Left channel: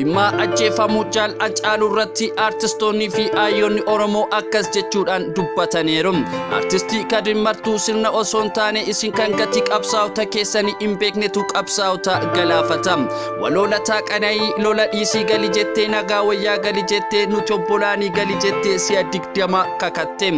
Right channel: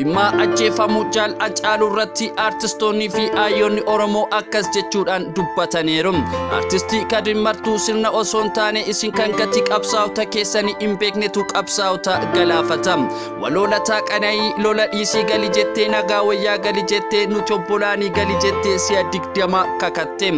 dhimma ajjeefamuu jaal Haacaaluu irratti artistoonni fi hayyoonni Oromoo akkas jechuudhaan dubbataniiru. Artistii Kadir Martuu sirna osoo hin taane isin kan gatii qabsaa'ota keessanii hin beeknetu qabsaa'ota galaafata. Waloolataa Qana'ii lola dhiisii gali jettee nagaa wayyaa gali jettee nuti obbolaanii gali jettee si'a 20 kakatte.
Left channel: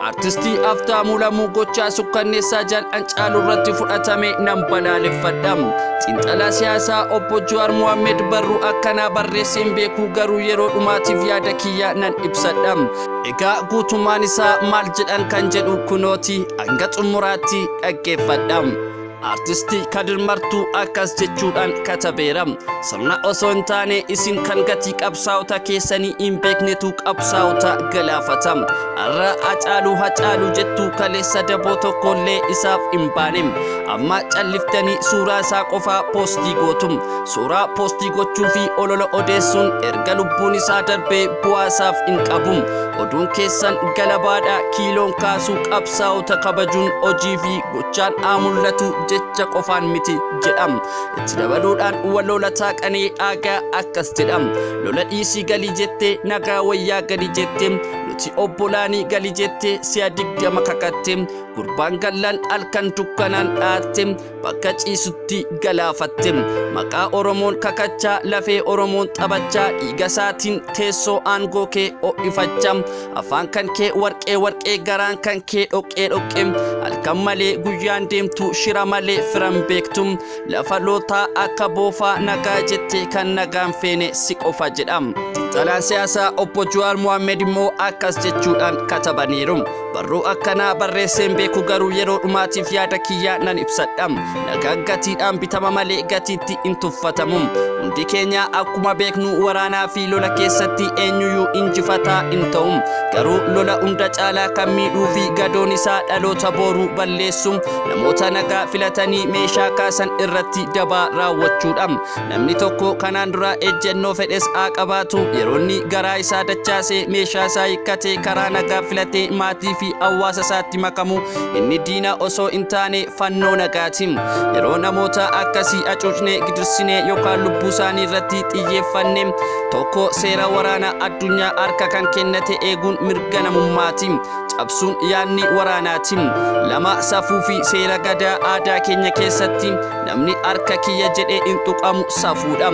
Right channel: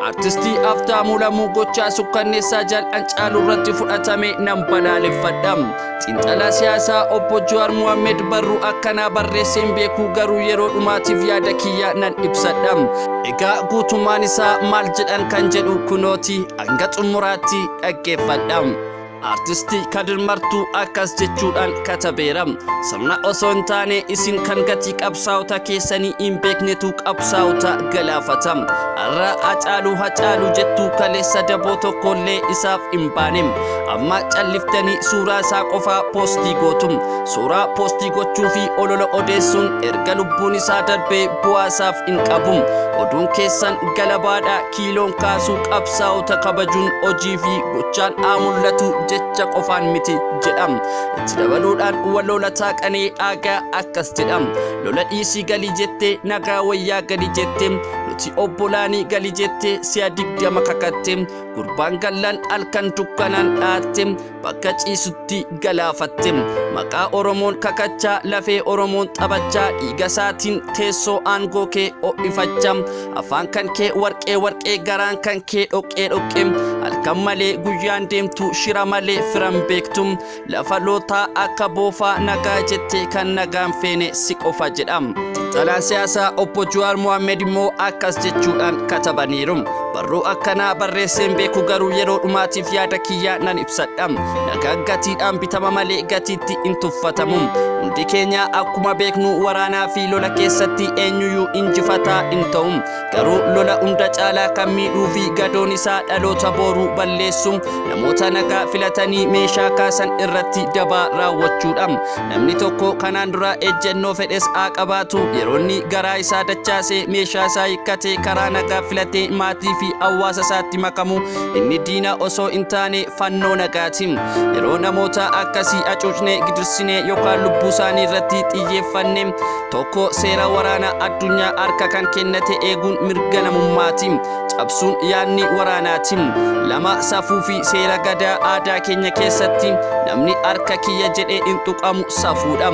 Artistii Haftaamuu Lamuu gochaa sukkanneessaa jaal Haacaaluu irratti fudhatame nan balaaleffadha. Xiinxalaa siyaasaa obbo Jawaar Mohammed barruu akkanaa barreesseen beekuu garuu yeroo dhumaatiif yaada kiyya nan ibsadha. Egaa guutummaan isaa maal jedhan kan jedhu kunooti hanga xumuraatti dhaggeeffadha. Artistii Kadir Martuu akkas jechuudhaan katabeera. Sirna osoo hin taane isin kan gatii qabsaa'ota keessanii hin beeknetu qabsaa'ota galaafata. Har'a Haacaaluu jettuu kaleessa daboo tokkollee isaaf hin baane. Amma calliftanii suuraa isaa qofaa poostii gootu. Suuraa poostii gochuu fi olola odeessuun erga lubbuun isaa darbee bu'aa isaaf hin qabu. Oduun keessan galabaadha kiiloon kaasuu qabsaa'ota kabajuun hojii fi gochaan haa mul'atu jecha qofaan miti jedham. Itti dabaluudhaan waloolataa Qana'ii Aagaa akkas jedham. Lola dhiisii gali jettee nagaa wayyaa gali jettee nuti obbolaanii gali jettee si'a 20 kakatte. Gurbaan gallan halkan dukkanaan dhaatte bakka ciisutti galaafatte. Maqaa Oromoon kakachaa lafee Oromoon taphachaa dhiiga isaatiin teessoo aangoo kee ho'ifachaa. Afaan kan kee warqee garaan kan kee dhoqqee halkan malee guyyaan deemtu shira malee firan beektum. Lafa lootaa akka boofaa nagaa jettee kan nagaan feene si qofa jedham. Xiinxalaan siyaasaa obbo Jawaar Mohammed immoo akkas jechuudhaan katabaniiru. Barruu akkanaa barreesseen beeku garuu yeroo dhumaatiif yaada kiyya nan ibsadha. Nagaan gatiidhaan bitama malee gatiitti hin tuffatamu. Hundi keenya akkuma beeknu waraanaa fi lola keessatti eenyuyyuu injifataa hin ta'u. Garuu lola hunda caalaa kan miidhuu fi gadoon isaa dhaloota booruu balleessu namoota nagaa filatanii meeshaa kaasan irratti dabaa raawwachuudha. Namni tokko kanaan dura ejjennoo fedhes haa qabaatu yeroonni garaa isaa dachaasee meeshaa isaa hiikkatee karaa nagaa filatee maatii fi hawaasa isaatti makamu inni diina osoo hin taane fannoo nagaati. Yeroo namoota akkasii acuucnee gidirsinee yookaan lubbuu isaanii irratti xiyyeeffanne tokko seera waraanaa addunyaa harka kan kennate eeguun mirga namummaati. Cabsuun yaadni waraanaati. Lama safuu fi seera gadaa aadaa keenya keessatti namni harka kiyya jedhee hin tuqamu safuudha.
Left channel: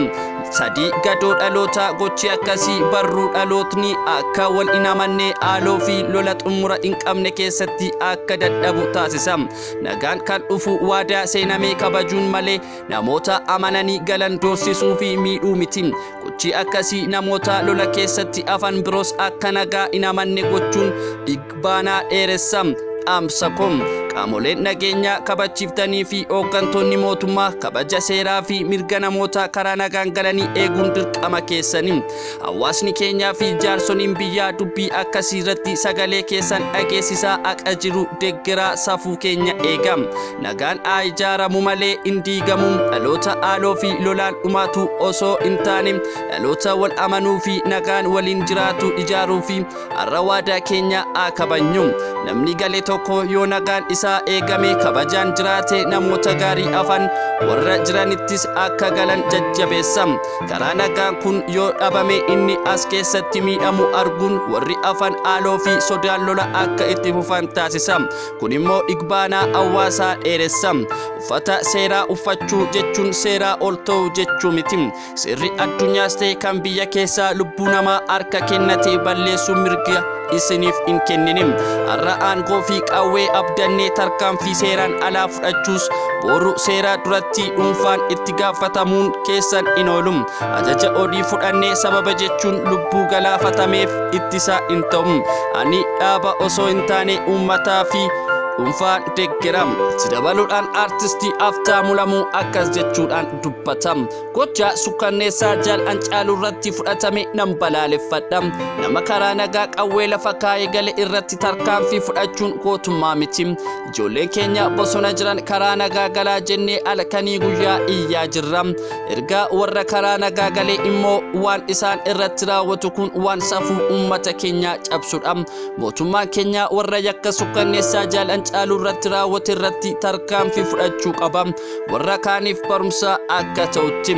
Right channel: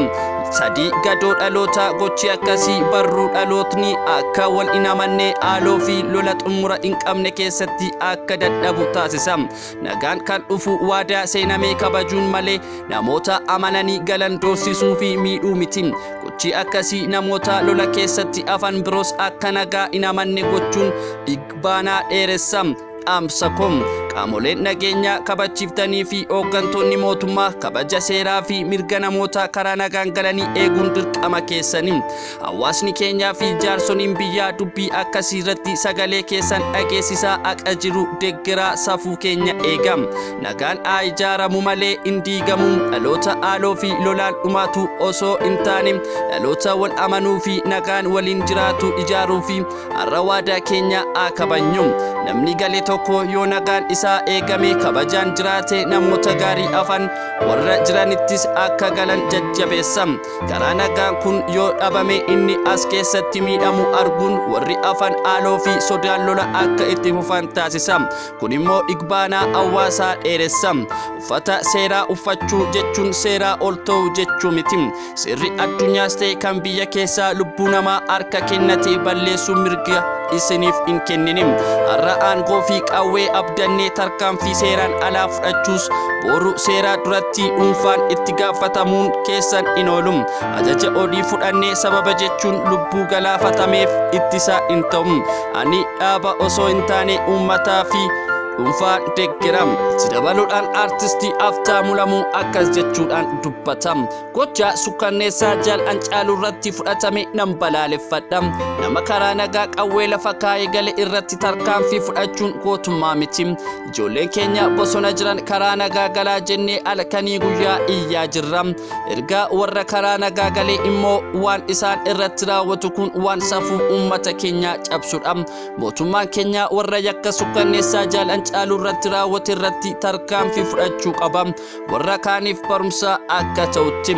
Sadii gadoo dhaloota gochi akkasii barruu dhalootni akka wal hin amanne haaloo fi lola xumura hin qabne keessatti akka dadhabu taasisa. Nagaan kan dhufu waadaa seenamee kabajuun malee namoota amananii galan doorsisuu fi miidhuu miti. Gochi akkasii namoota lola keessatti afan biroos akka nagaa hin amanne gochuun dhigbaanaa dheeressa. Amsakom qaamoleen nageenya kabachiiftanii fi hooggantoonni mootummaa kabaja seeraa fi mirga namoota karaa nagaan galanii eeguun dirqama keessanii. Hawaasni keenyaa fi jaarsoliin biyyaa dubbii akkasii irratti sagalee keessan dhageessisaa akka jiru deeggaraa safuu keenya eegam. Nagaan haa ijaaramu malee hin diigamu. Dhaloota haaloo fi lolaan dhumaatu osoo hin taane dhaloota wal amanuu fi nagaan waliin jiraatu ijaaruu fi har'a waadaa keenya haa kabajnu. Namni galee tokko yoo nagaan isaa eegame kabajaan jiraate namoota gaarii afan warra jiranittis akka galan jajjabeessa. Karaa nagaan kun yoo dhabame inni as keessatti miidhamu arguun warri afan haaloo fi sodaan lola akka itti fufan taasisa. Kun immoo dhigbaanaa hawaasaa dheeressa. Uffata seeraa uffachuu jechuun seeraa ol ta'uu jechuu miti. Seerri addunyaas ta'e kan biyya keessaa lubbuu namaa harka kennatee balleessuu mirga isiniif hin kenninim. Har'a aangoo fi qawwee abdannee tarkaanfii seeraan alaa fudhachuus boru seeraa duratti dhuunfaan itti gaafatamuun keessan hin oolum. Ajaja odii fudhannee sababa jechuun lubbuu galaafatameef ittisa hin ta'u. Ani dhaaba osoo hin taane uummataa fi dhuunfaan deeggaram. Itti dabaluudhaan artistii Haftaamuu Lamuu akkas jechuudhaan dubbatam. Gocha sukkanneessaa jaal Haacaaluu irratti fudhatame nan balaaleffadha. Nama karaa nagaa qawwee lafa kaa'ee gale irratti tarkaanfii fudhachuun gootummaa miti. Ijoolleen keenya bosona jiran karaa nagaa galaa jennee halkanii guyyaa iyyaa jirra. Erga warra karaa nagaa galee immoo waan isaan irratti raawwatu kun waan safuu uummata keenyaa cabsudha. Mootummaan keenya warra yakka sukkanneessaa jaal Haacaaluu irratti raawwate irratti tarkaanfii fudhachuu qaba. Warra kaaniif barumsa akka ta'utti.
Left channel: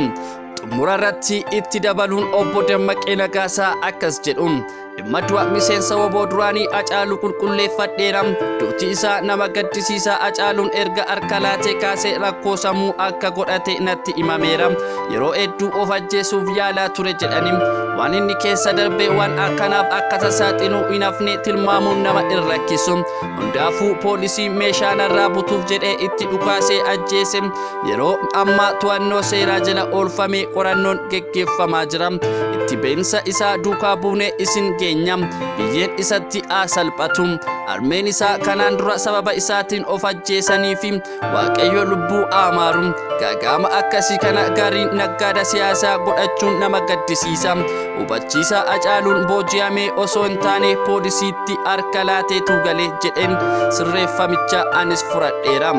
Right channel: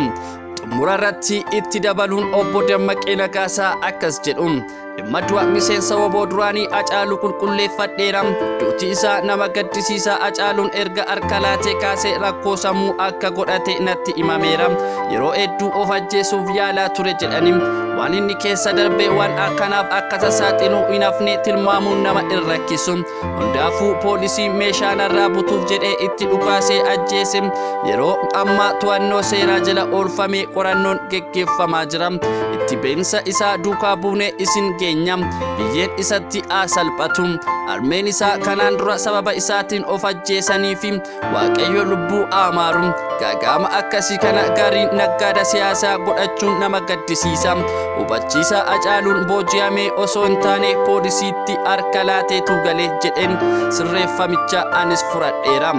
xumura irratti itti dabaluun obbo Dammaqee Nagaasaa akkas jedhu. Dhimma du'a miseensa WBO duraanii Hacaaluu qulqulleeffadheera. Duuti isaa nama gaddisiisaa. Hacaaluun erga harka laatee kaasee rakkoo sammuu akka godhate natti himameera. Yeroo hedduu of ajjeesuuf yaalaa ture jedhani. Waan inni keessa darbee waan akkanaaf akka tasaaxiluu hin hafne tilmaamuun nama hin rakkisu. Hundaafuu poolisii meeshaa narraa butuuf jedhee itti dhukaasee ajjeese. Yeroo ammaa to'annoo seeraa jala oolfamee qorannoon geggeeffamaa jira. Itti beensa isaa duukaa buunee isin geenya. Biyyeen isatti salphatu. Armeen isaa kanaan dura sababa isaatiin of ajjeesanii fi Waaqayyo lubbuu amaaru. Gaagama akkasii kana gariin naggaada siyaasaa godhachuun nama gaddisiisa. Hubachiisa Hacaaluun booji'amee osoo hin taane poolisiitti harka laateetu galee jedheen sirreeffamicha anis fudhadheera.